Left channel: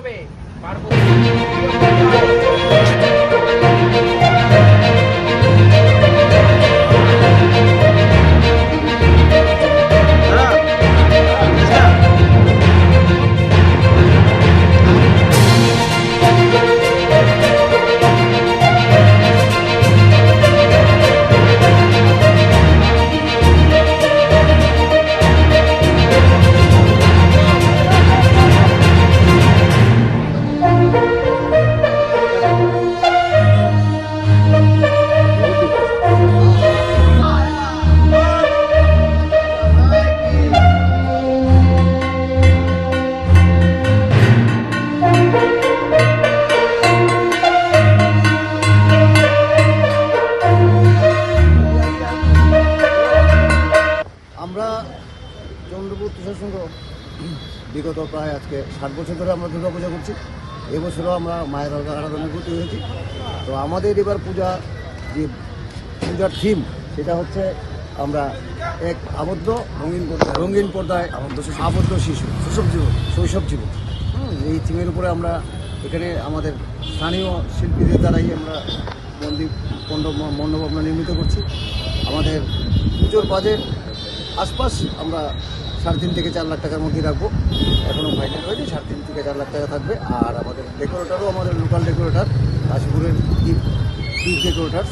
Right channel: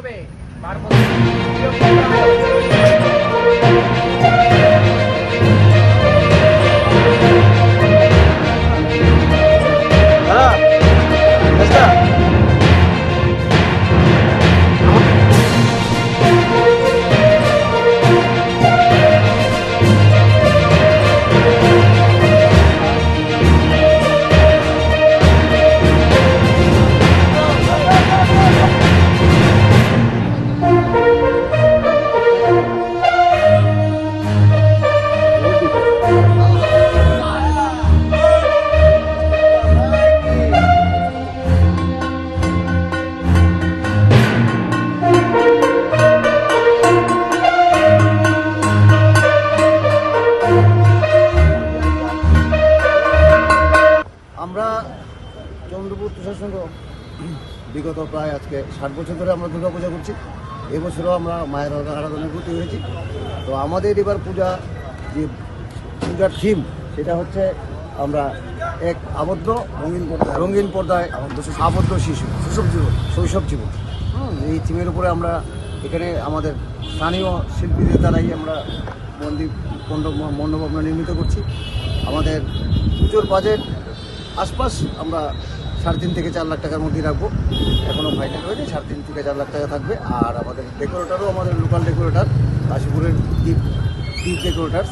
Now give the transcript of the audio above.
তবে পার্বতী দাদা আমরা চন্দ্রপুর তুষার সংঘ বিগত প্রায় আজকে ষাট বছর ধরে আমরা দুর্গা পূজা করছি। এবছরও আমরা মায়ের আরাধনায় ভর্তি হয়েছি। তো আমাদের এবার পূজা যে পূজার থিম সেটা হচ্ছে আমরা এক আবদ্ধ রঙিন পর্দায় রঙিন পর্দায় আবদ্ধ শিশু। শৈশব জীবন। শৈশব জীবন। হুম, এই থিমের উপরে আমরা এখানে আমাদের স্থানীয় শিল্পীদের দ্বারাই আমরা মন্দির মণ্ডপ মণ্ডপ আমরা নির্মিত করছি। আমাদের পুজোর বাজেট আশপাশ আমরা সাড়ে তিন থেকে চার লাখ টাকার মধ্যেই রাখব। এখনও ফাইনাল হয়নি, সাড়ে তিন থেকে চার লাখ টাকা থাকবে। আর আমাদের ডেকোরেটারও আমাদের লোকাল ডেকোরেটার কাশীপুরের ডিপ ডিপ ডেকোরেটার